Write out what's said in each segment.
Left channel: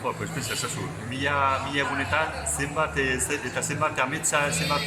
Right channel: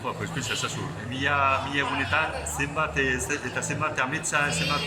Pues pensa ezazu, mila egunetan zenbat eta zenbat ametsa, zenbat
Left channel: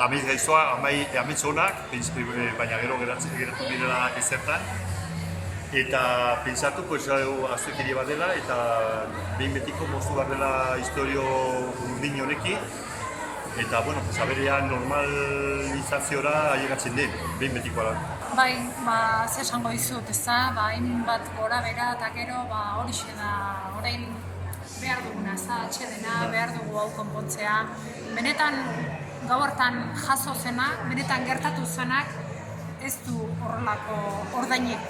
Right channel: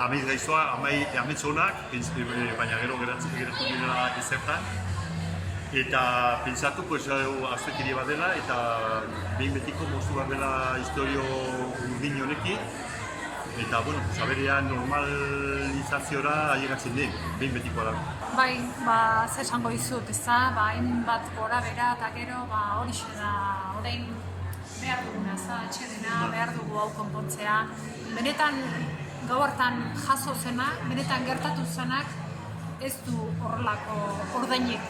amets gaiztoa, amets onak, baina gero geratu direla ezertan. Eta pentsatu, pues, aztekiri bat dela eta behin betiko moztu bat dela historio urdin honekin. Eta, bueno, aberean normalizaziora ailegatzen den, behin betikoa da. Bai, ze esango dizut, ezta? Hainbat gora bera eta gero horixe da, orain behar duguna, atsedena, behar dugu hau konpontzea. Benetan gau hartan jaso zenak, benetan gertatu zenak, ez du horrelako ordainik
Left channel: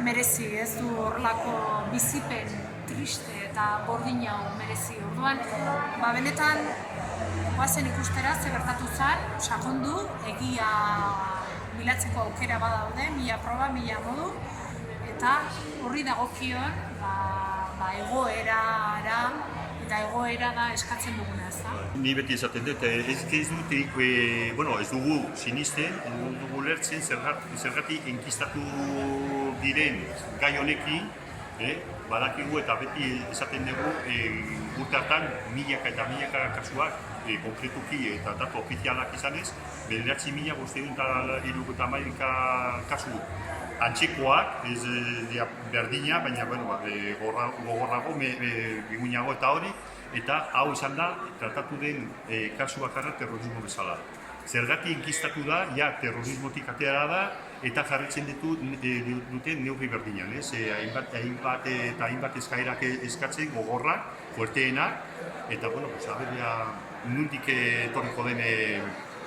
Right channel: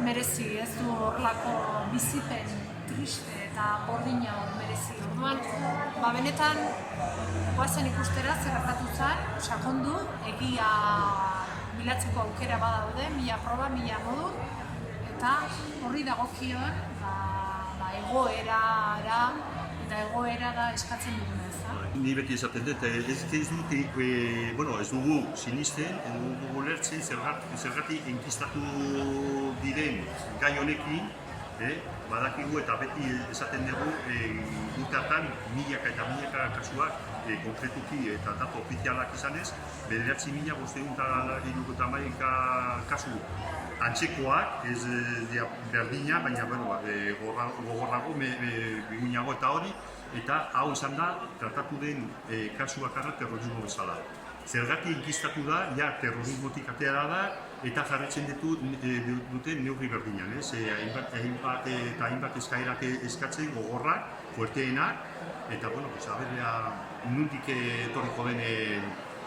merezi, ez du horrelako bizipen triste eta bordin hau merezi. Orduan, benetan goazen ikustera ze gertatu zen, sakondu, egia bilatzeko aukera badaude, 1000 proba, 1000 modu, eta horri dagokion egoerara eta egoera da eskatzen duguna, ez da? Ni beti esaten dut, ez dugu sinisten, ez dugu lertzen zergatik enkistatu diren gai honekin, badakigu eta beti esaten dugu urte hartan milaka eta milaka kasuak konkretuki eta datu ofizialak izanez, 9.571 kasu antzekoak, ez berdina, baina gogorrago, biguinago eta hori, eta hau izan da, tratatu den kasu bakarra terrorismo bezala. Zergatik enkistatu da, terrorismotik atera da, eta jarretzen duten neurri berdinan, hainbat eskaerak eskatzen gogorrak, fuerteenak, eta, nondik etorriko den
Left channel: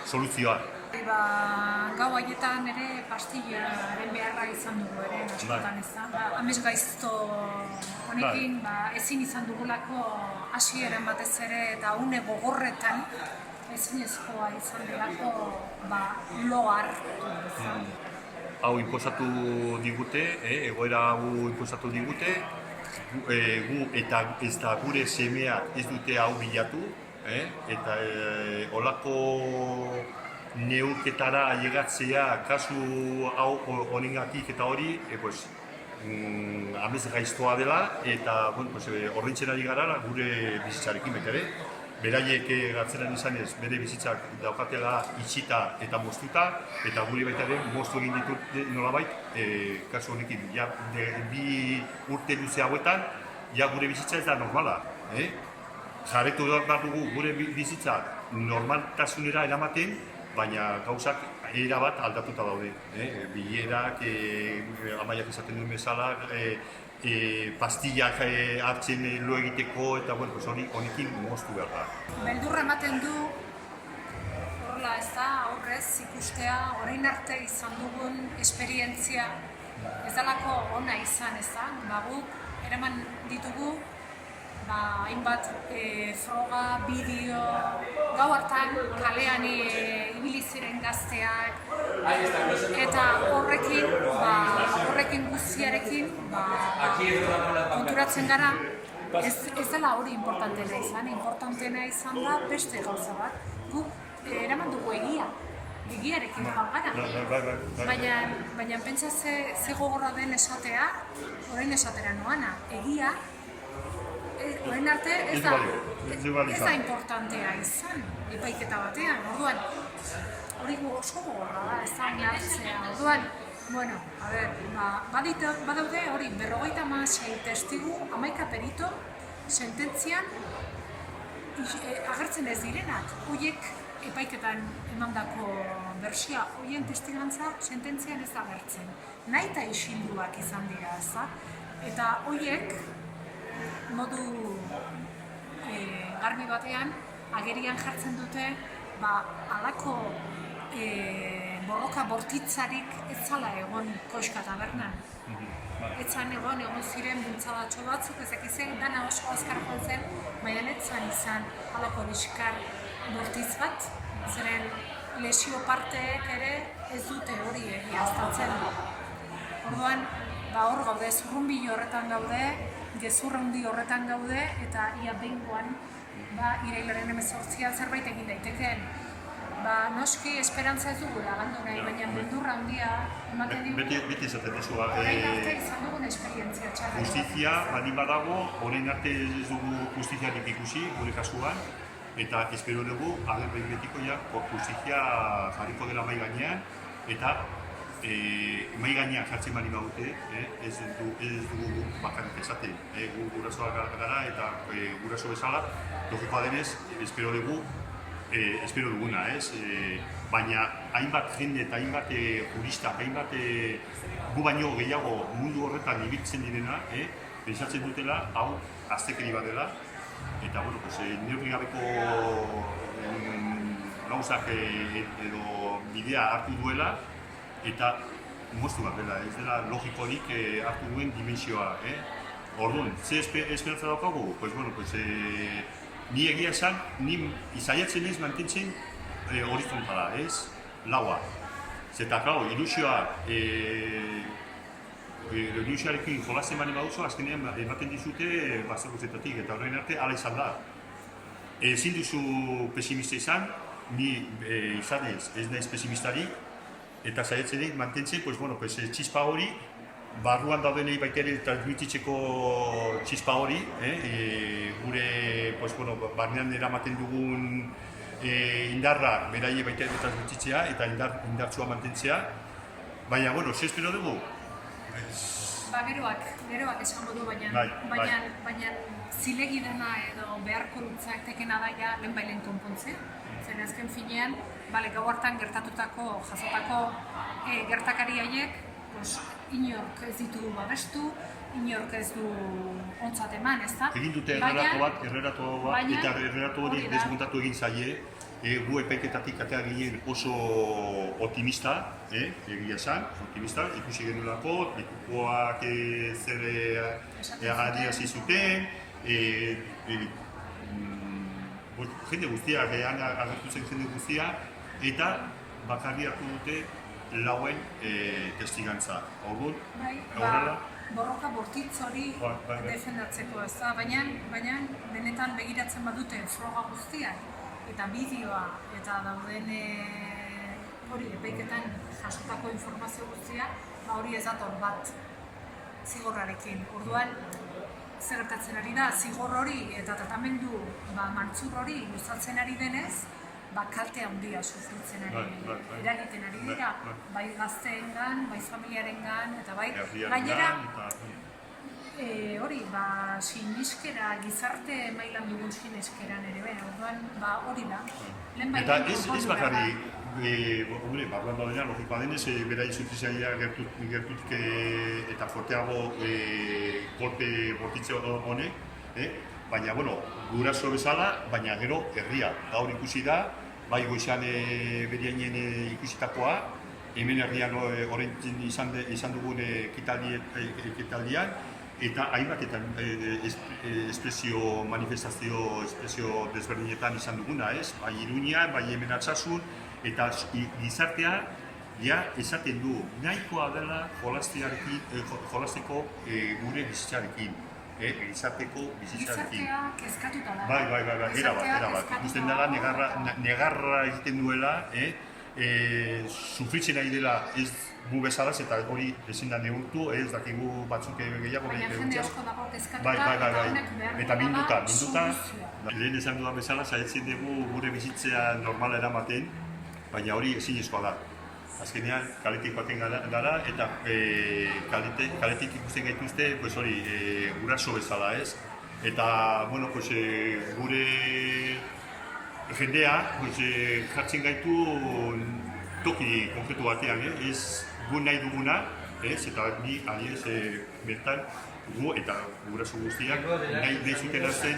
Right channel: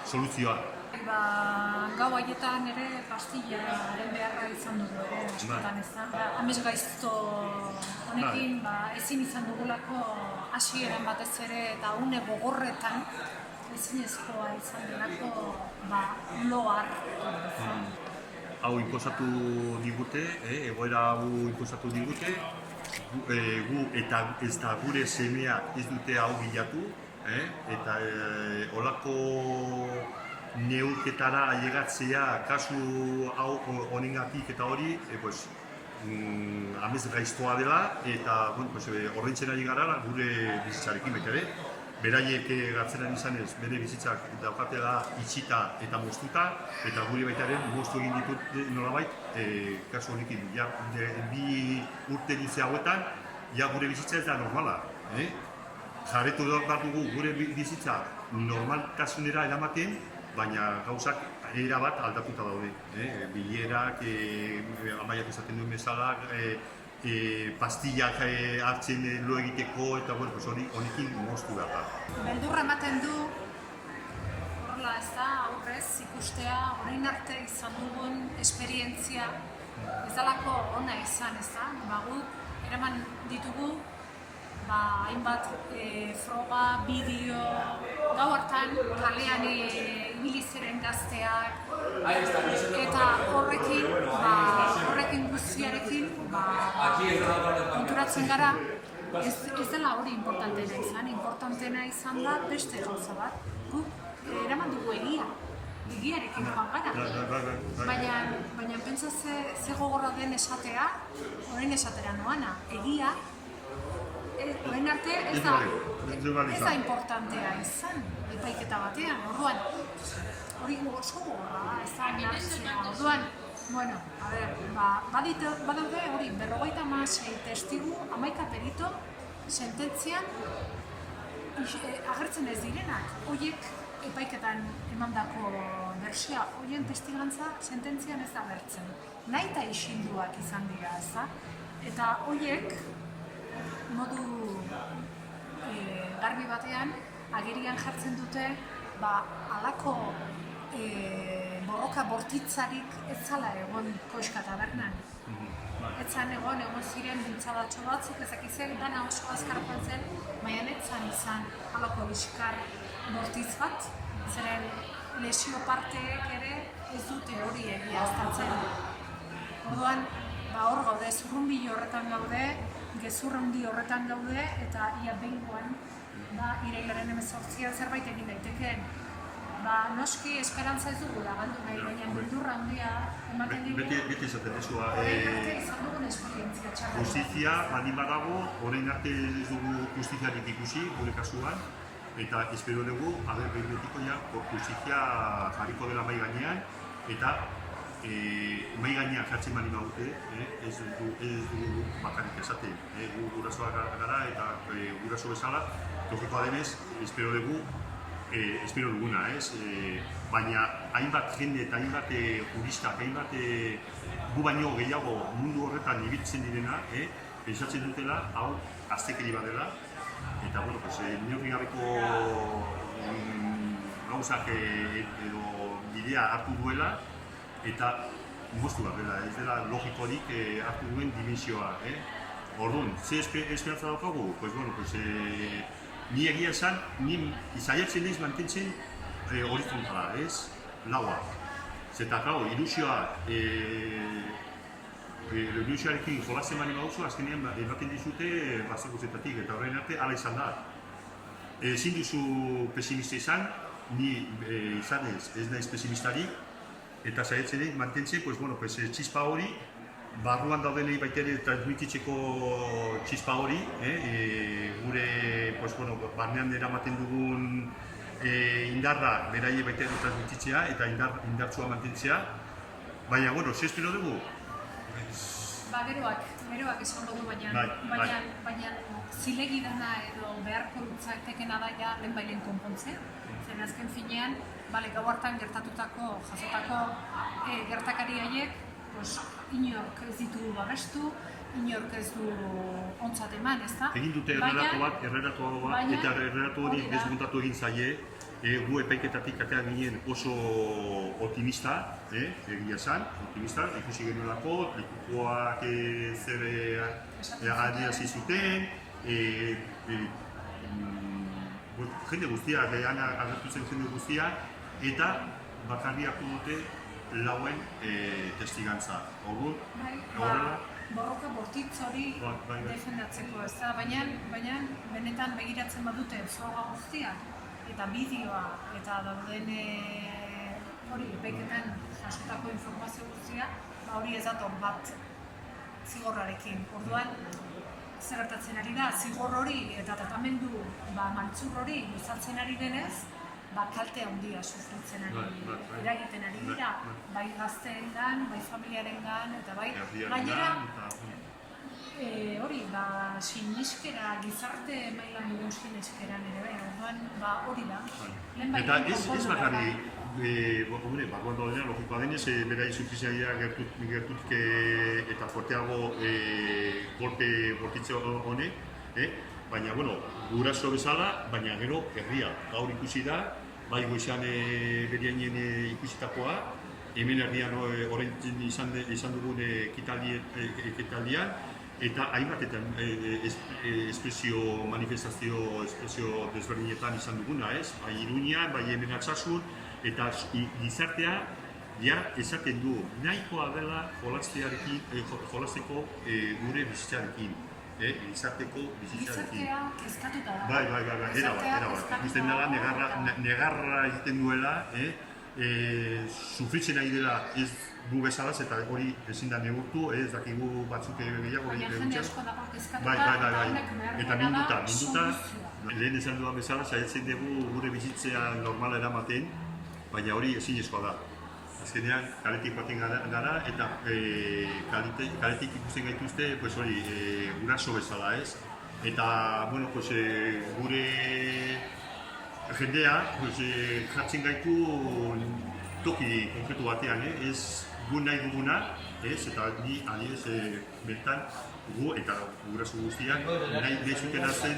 soluzioa. Gau haietan ere pastillaren beharra izan dugu ere, askotan ez da. Amets gaizto honekin ezin izan dugulako hasieran batez ere eta une gogorretan ezinezkoa izan delako lo hartu. Hau inposatu digute, egoera hau inposatu digute, gu eta ez da gure semeak ez dute hau bilatu, eta olako neurketara ailegatzea kasu hau honengatik eta hori, amets gaiztoa dela, eta ordaintzen ari gara gure bizitzarekin betere. Beraiek gartzeran izanez, bere bizitzak daukatela itxita eta moztuta, eta guri baita ere moztu egin ditut nolabait, kasu honekin, bi urte luze hauetan, gure bizitza ez da normala. Jarretu behar dugu gure bizitza normaltasunera eramaten, baina gauzak erabat aldatuta daude. Bilerak, amaiak esaten duen bezala, pastillak hartzen lo egiteko eta honekin moztu behar da. Beldurra ematen du, horrela ez da, aurrez ikustea, orain arte izan dugun esperientzia ez dalako ona izan, ez da? Guk eraman ditugu hainbat froga, bideo, gau hartan kalean ibili ziren gazteak, eta horrekin guztiarekin konturatzen gara, ez dela hori importanteena izan, importanteena izan da beste gauza bat. Guk eraman dugu egiarekin joan gara, baina pentsa ze gogorra den esatea, orain esatera noana, egia, orain arte ez da importantea izan, epaiketa batean, orduan, hori oso gogorra da, ez da inartzea, orduan, badaude hori 56 testigu, 11 perito, sententzian agertzen ez direnak, horiek epaiketan emandako bertsioa, horien testigantza sententzian ez agertzen, nahi eta isilduak izan dira, ez da, eta horiek modu garbi batean agerian jartzen dute halako borroka bortitzarik ez zala egon Koxka tabernan. Ez zan egon ziren bultzadatxo batzuk, ezakizen dana oso azkar joan zen, baina ez zan izan halako liskar bortitz bat, zeren lesio parteek ere ez dute hori egiaztatzen. Orduan, hor gaude, zurrunbilo horretan gaude, gezurra handi horretan gaude, eta ia behingoan irailaren 18 zerbait egin daitekeen. ba, noski esperantza ez dugula galdu nahi, baina beldurra handia ematen digu. Beti esaten dezua. Orain arte izan dugun esperientzia txarra. Justizia baldin badago, orain arte ez dugu justiziarik ikusi, gure kasuan, eta espero dugu, behin betiko ja, justizia jarriko dela mai gainean, eta mai gainean jartzen bali badute, ez dugu bakarrik esaten. Gu gurasoak gara eta guraso bezala, logikoa denez, espero duguna, ez? Baina hainbat jende eta hainbat juristak, hainbat gu baino gehiago mundu horretan ibiltzen direna, pentsatzen dutela, hau aztekeri bat dela, eta, bueno, neurri gabeko gauzak edo bidea hartu duela, eta moztu bat dela, ez dela logikorik hartu duen dimensioa. Orduan, ze esperantza daukagu? Ni egia esan, ni izaiatzen ez mantentzen horizontala, ez? Laua. Zeta, klar, ilusioarekin jolazen bali baduzu, azkenean ematen dizute batzakuzetatik, eta horrein arte hala izan da. Ezin duzu pesimista izan, ni izanez ez naiz pesimistari, eta saiatzen egin mantentzen, txispa hori, barruan daudenei baita ere transmititzeko txispa hori, gure barnean eramaten dugun indarra beraie baita ere transmititzea eta indartsua mantentzea. Baina, ze espero dugu? Geroak esango du, baina zilegi dena edo beharko lutzaktekena da ja lehenbailen konpontzea. Zer azken finean, gau hartan gertatutako, jasotako gertakari haiek, inork ez ditu babestu, inork ez du ontzat eman, ez da? Egin dute erreratu bat, eta erreratu hori desmontatu egin zaie, gu epaiketatik atea ginen oso optimista, egia esan, optimista, ikusi genuelako, likukoak zer adierazi zuten, jende guztiak, agertu zen jende guztia, eta bakarri hartu dute lauen testigantza. Horrela? Borroka bortitz hori defendatzeko, ez da? Baina benetan begiratzen badute froga guztiak, eta bideoa, eta dauden hori epaiketan jasotako informazio guztia, hori ez dator bat zigorrarekin. Orduan, zer gertatzen ari da, zigor hori eta tratamendu maltzur hori luzatzen ari denez, kalte handia sufritzen eragiten ari dira, bai gazteengan, bai familiarengan, eta bai gainera hori, siniskera, gizarte mailan dugun siniskeran ere, orduan hori da. Eta ez bakarri, barruan daudenean, logikoa denez, bera insufiziaia gertutik eta forteago golpe bortitze honek, baina, guraso bezala, baina gero herria. Gaur ikusi da, bai goizan beriainen ikusitakoa, hemen herrian orain izan dugun ekitaldian, eta hainbatetan manifestazio desberdinetan izan duguna, ez? Bai Iruñan, bai hemen Altsasun, eta gizartea esaten du, nahikoa dela jolasteko gure bizitzarekin. Gizarteko bizitzarekin. Gizartea kezkatuta da. Bai, erabat. Ikusten dela, negarra egiten duela, sufritzen ari dela ez gu bezalaz, eta hori ezin da neurtu, ez dakigu batzuk gehiago. Baina jende asko dago kezkatuta, eta honek behar duena da soluzioa. Lehen esan dudan bezala, saiatzen dugu gure bizitzea normala eramaten, baina hori ezinezkoa da. Azkenean, kaletik baten gara, eta kaletik ikusten gaituzte, hori, guraso bezala, ez? Eta, gure jendea jartzen gaitu toki konkretu batean, ez gu nahi duguna, eta ni aliez bertan gu eta guraso guztiak nahi zutena zen,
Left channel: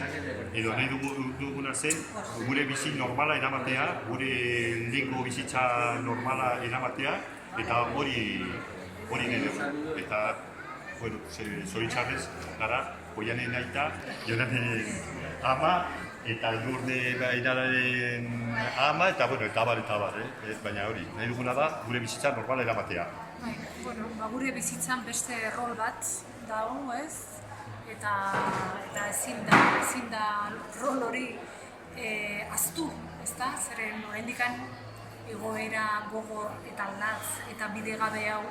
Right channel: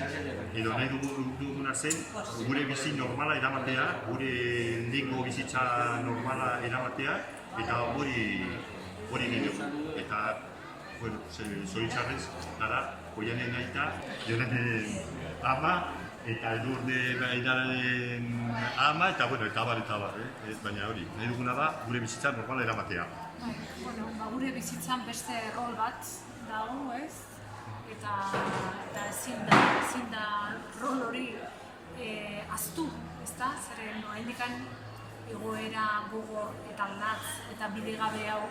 edo nahi duguna zen, gure bizi normala eramatea, gure lehengo bizitza normala eramatea, eta hori nahi dugu. Eta, zoritxarrez, gara, Oianen aita, Jonanen ama, eta Edurne Bainaren ama, eta abar, baina hori, nahi duguna da, gure bizitza normala eramatea. Gure bizitzan beste rol bat dago, ez? Eta ezin da rol hori aztu, ez da? Zeren oraindik egoera gogor eta latz eta bidegabe hau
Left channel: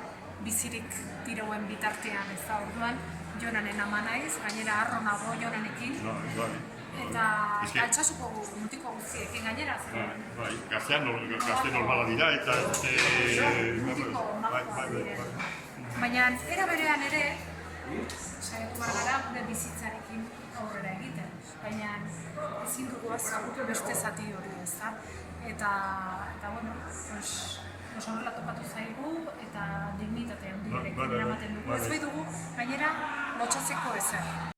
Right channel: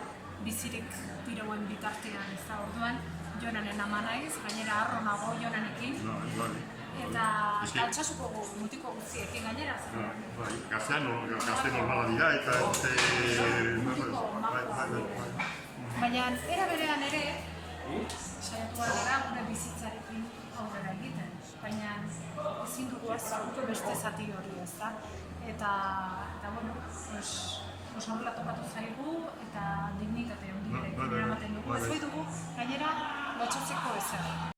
bizirik tirauen bitartean, ez da, orduan Jonanen ama naiz, gainera harro nago Jonanekin, eta altxasuko mutiko guztiekin gainera zen. Gazte normala dira eta mutiko makoa dire. Baina era berean ere, saiatu behar gara gure bizitzarekin aurrera egiten. Baina ezin dugu ezagutu beste zati hori, ez da? Eta bueno, horrela topatu zaigu eta dignitate handiarekin eramaten dugu. Ez bai dugu, gainera, lotxatzeko ezer.